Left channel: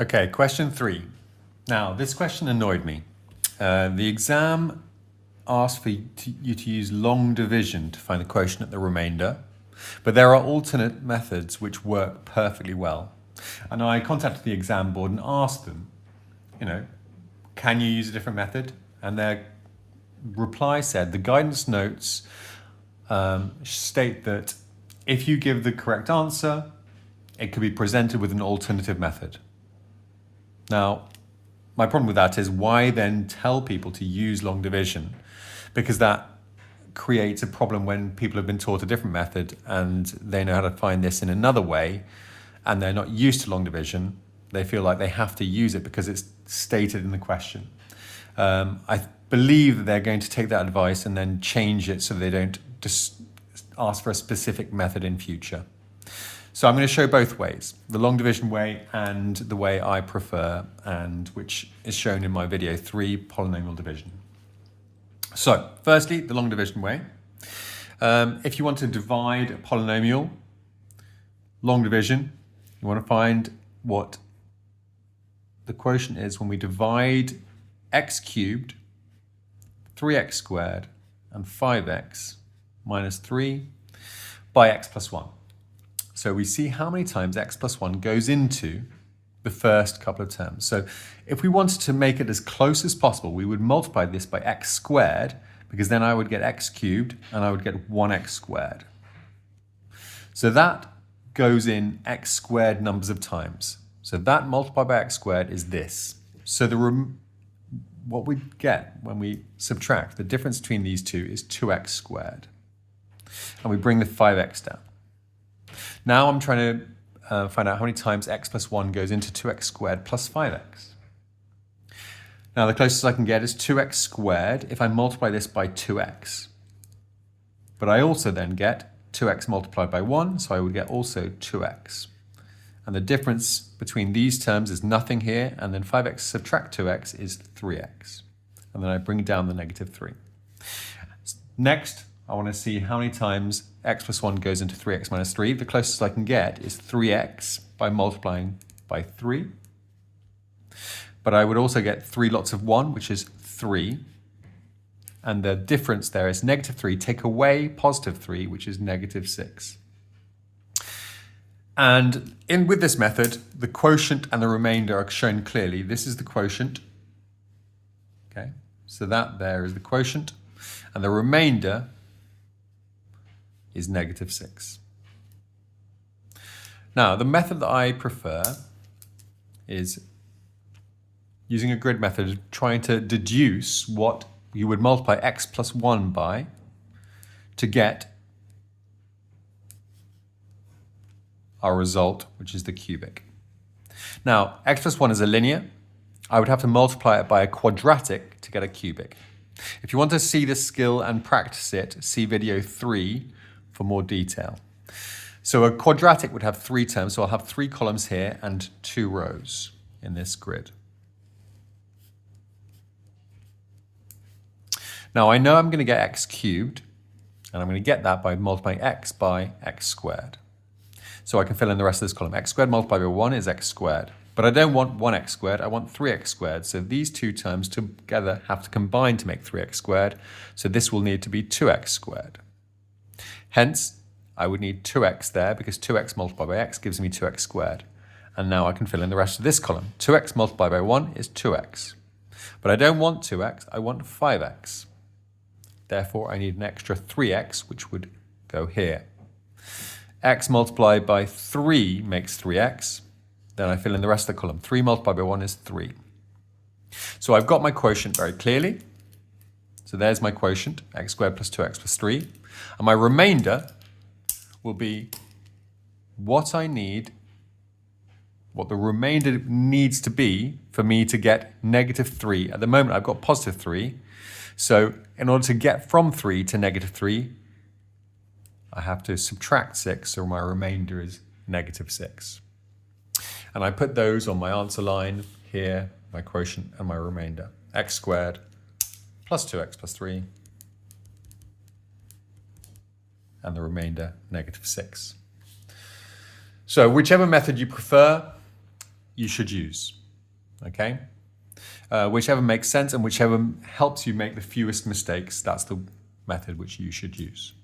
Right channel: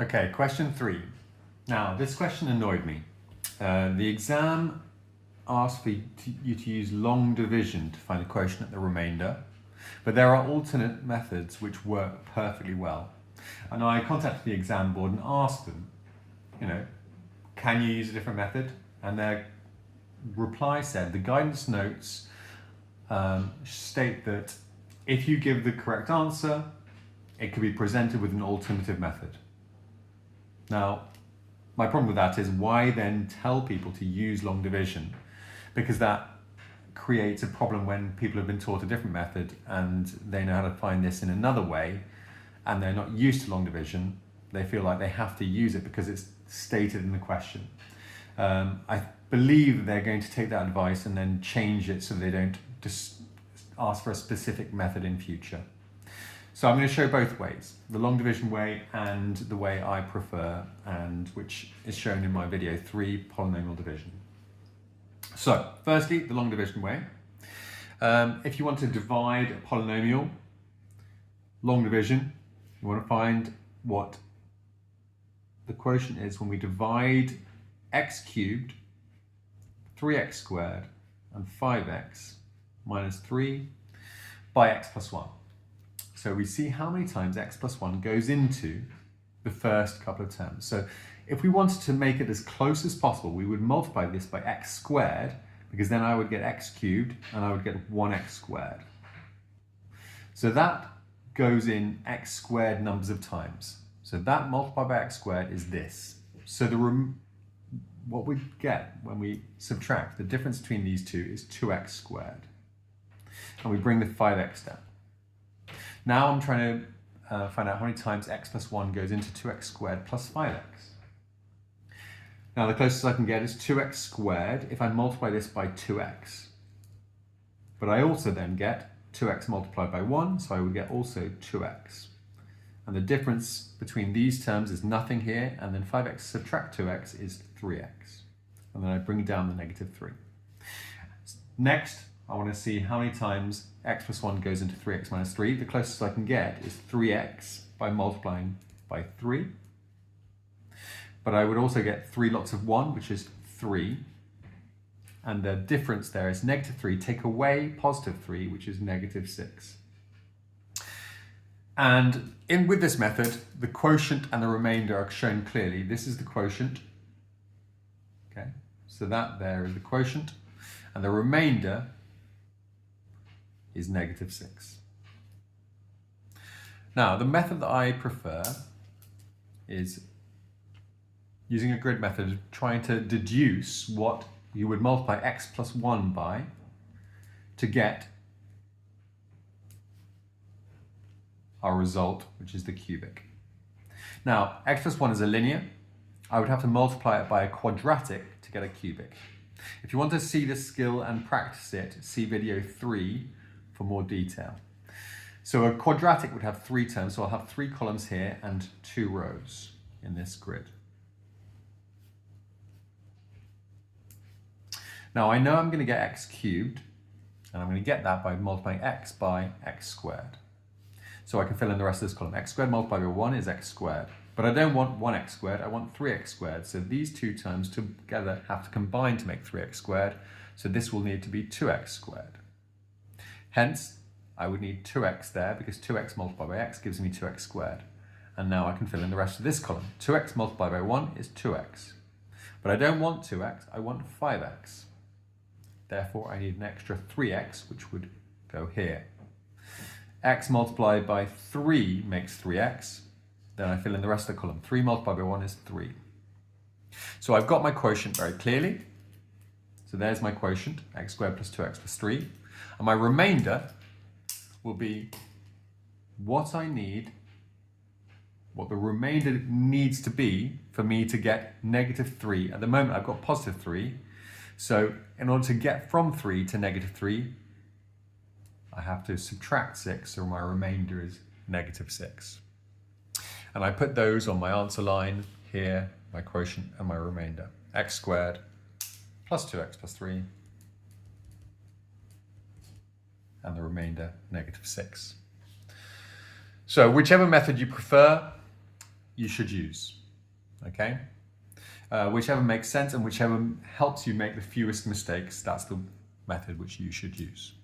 Okay, question 3. Now, this question annoyed me. The exam asked for you to use long division to find the quotient at the remainder, but there are alternate methods which work perfectly well. And I contacted the exam board and asked them, can you use a different method? And their reply said the guidance notes state that if you give the correct answer, it could be presented with an alternative method. Now, my problem with that is why then tell people to use long division? Because that creates a problem when people have been taught a different method and they know how to find this in another way and they're not used to long division. They feel like they have to use it because it's stated in the question. I believe that they're going to take that advice and then change it so they don't just ask for a specific method in future. So I'm going to show both ways, the long division way and the way I prefer, and which is shown in my video 3, polynomial division. So firstly, the long division way. If you want to divide a polynomial, long division, you want to find what the quotient is when we divide x cubed, 3x squared, and 5x minus 3 by x plus 1. So we see how many times x plus 1 goes into the first couple of terms. So if we wanted to make it as close as possible, we would multiply this by x squared, because then I would get x cubed and I would get 1x squared. So that goes in x squared numbers of times. So that multiplied by x squared is this. So what we get when we subtract, the difference between these two is 2x squared. And we bring the 5x down. Now I'm trying to find out how many times x plus 1 goes into 2x squared plus 5x. Now the closest I can get is 2x squared if I multiply this by 2x. But I also then get 2x multiplied by 1, so I would get also 2x. And the difference between these terms is nothing here, and then 5x subtract 2x is 3x. And then I bring down the negative 3. Next, I want to see how many times x plus 1 goes into 3x minus 3. The closest I can get is 3x by multiplying by 3. But I would also get 3 lots of 1, which is 3. And the difference there is negative 3. Take away positive 3, which is negative 6. And with this method, the quotient and the remainder are shown clearly. This is the quotient. Okay, so that there is the quotient. And the remainder is negative 6. Now, the method that I prefer is using a grid method, trying to deduce what you would multiply x plus 1 by to get our result, which is the cubic. Now, x plus 1 is a linear. I would have to multiply it by a quadratic to get a cubic. If you want to see this skill and practice it, see video 3 for more detail. So a quadratic would have 3 terms, so I'll have 3 columns here and 2 rows in this grid. Now I know I'm going to get x cubed, and I'm going to get that by multiplying x by x squared. So I can fill in the rest of this column. X squared multiplied by 1 is x squared. But I don't want 1x squared, I want 3x squared. So these two terms together have to combine to make 3x squared. So this will need to be 2x squared. Hence, I would need 2x there because 2x multiplied by x gives me 2x squared. And now I can fill in the rest of this column. 2x multiplied by 1 is 2x. But I don't want 2x, I want 5x. Therefore, I need an extra 3x, which would go here. X multiplied by 3 makes 3x. Then I fill in the rest of the column. 3 multiplied by 1 is 3. So I've got my quotient very clearly. So there's my quotient, x squared plus 2x plus 3. And my remainder will be what I need, what the remainder needs to be for me to get negative 3. At the moment, I've got positive 3. So in order to get from 3 to negative 3, I have to subtract 6, so my remainder is negative 6. And I put those on my answer line here, my quotient and my remainder. X squared plus 2x plus 3, and the remainder negative 6. So whichever method you prefer, you should use. Okay? Whichever makes sense and whichever helps you make the fewest mistakes, that's the method which you should use.